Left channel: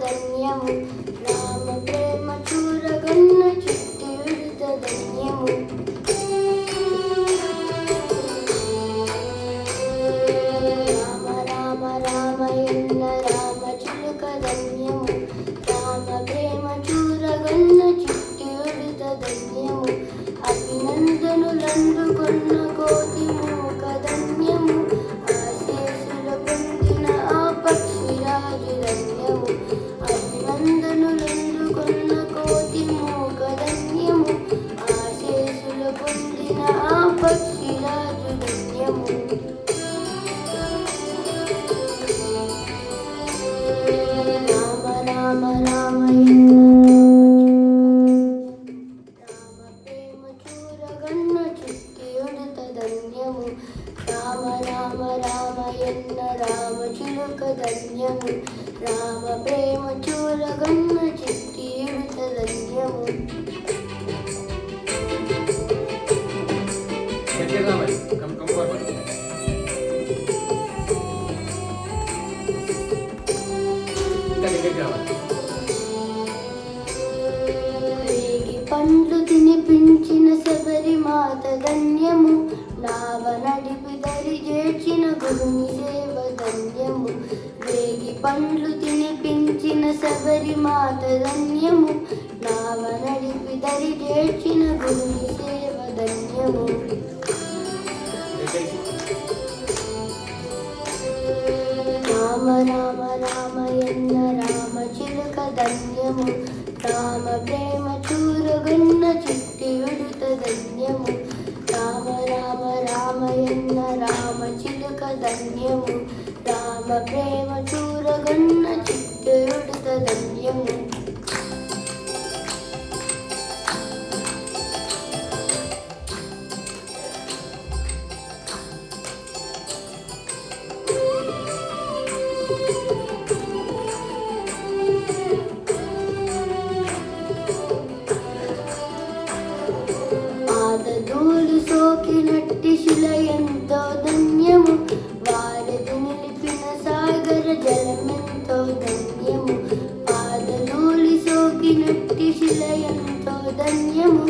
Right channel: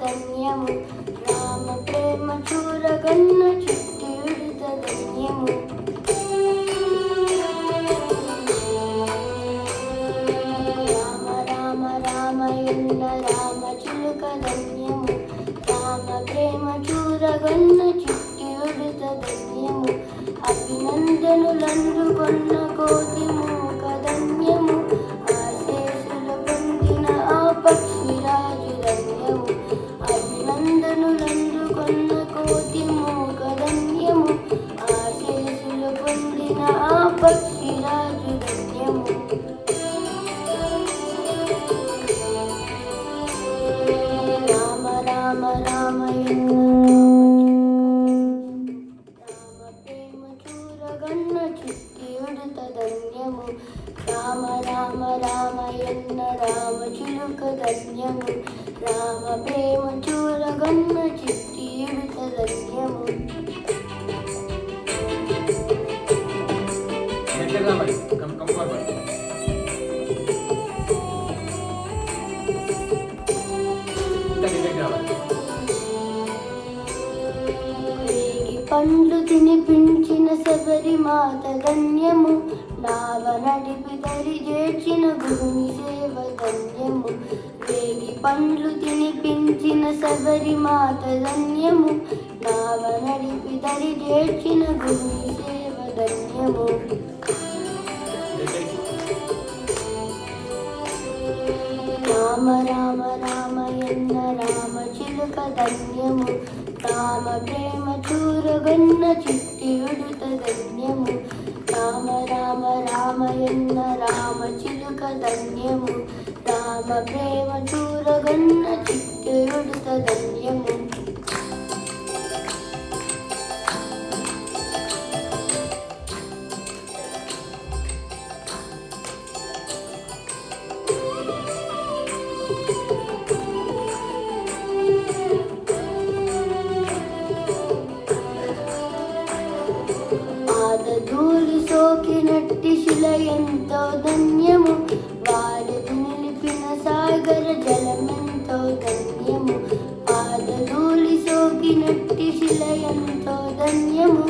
ధన్యము రామ ప్రేమ చూరగన్న చిట్టి విడుత ధన్యము రామ రామ రామ ఎన్న రామ చిలుక ధన్యము రామ ప్రేమ చూరగన్న చిట్టి విడుత ధన్యము అభినందనులందుకొన్న కోటి మూక ధన్యము ఆశీస్సులు పొందిన ఆ పక్షిరాజు ధన్యము అభినందనులందుకొన్న కోటి మూక ధన్యము ఆశీస్సులు పొందిన ఆ పక్షిరాజు ధన్యము రామ రామ రామ ఎన్న రామ ప్రేమ చూరగన్న చిట్టి ఉడత ధన్యము రామ రామ రామ ఎన్న రామ చిలుక ధన్యము రామ ప్రేమ చూరగన్న చిట్టి ఉడత ధన్యము రేగి పండ్లు తినిపించిన శబరి మాత ధన్యము నావ నడిపి దరి చేర్చిన గురుని సేవ ధన్యము రేగి పండ్లు తినిపించిన శబరి మాత ధన్యము నావ నడిపి దరి చేర్చిన గురుని సేవ ధన్యము రామ రామ రామ ఎన్న రామ చిలుక ధన్యము రామ ప్రేమ చూరగన్న చిట్టి ఉడుత ధన్యము రామ రామ రామ ఎన్న రామ చిలుక ధన్యము రామ ప్రేమ చూరగన్న చిట్టి ఉడుత ధన్యము పాదధూళి సోకినట్టి శిల ఎంతో ధన్యము వారధి నిలిపిన సాగర జలమెంతో ధన్యము పాదధూళి సోకినట్టి శిల ఎంతో ధన్యము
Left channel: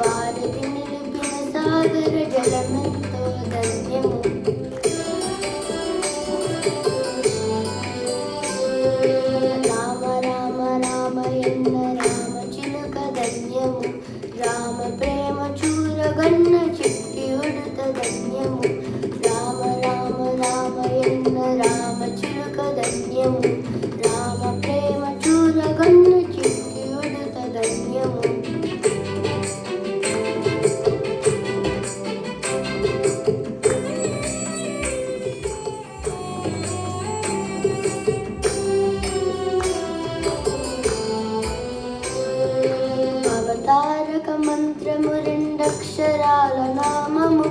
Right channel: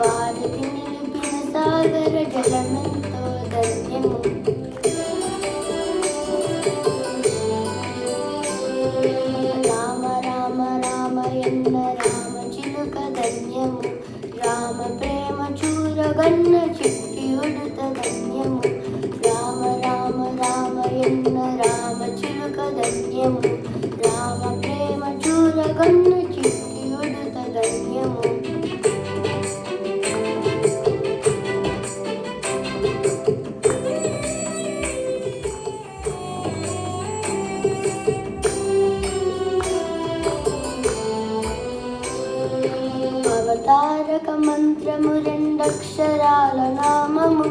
వారధి నిలిపిన సాగర జలమెంతో ధన్యము రామ రామ రామ ఎన్న రామ చిలుక ధన్యము రామ ప్రేమ చూరగన్న చిట్టి ఉడుత ధన్యము రామ రామ రామ ఎన్న రామ చిలుక ధన్యము రామ ప్రేమ చూరగన్న చిట్టి ఉడుత ధన్యము అవతారక మంత్రము రెండక్షరాల నామము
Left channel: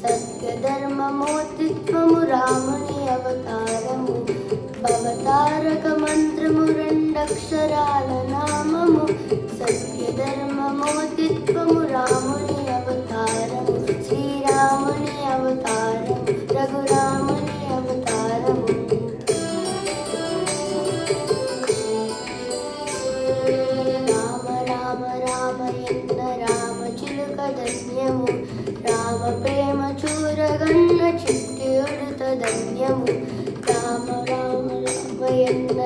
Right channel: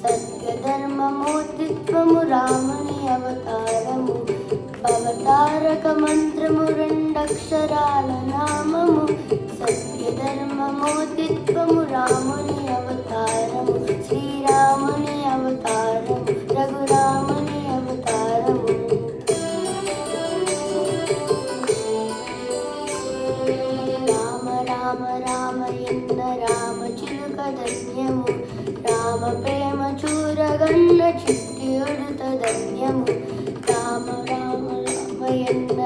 సత్యధర్మమూర్తిత్వము రాముని అవతారము అవతారక మంత్రము రెండక్షరాల నామము సత్యధర్మమూర్తిత్వము రాముని అవతారము శ్రీరాముని అవతారము రఘురాముని అవతారము రామ రామ రామ ఎన్న రామ చిలుక ధన్యము రామ ప్రేమ చూరగన్న చిట్టి ఉడుత ధన్యము రామ రామ రామ ఎన్న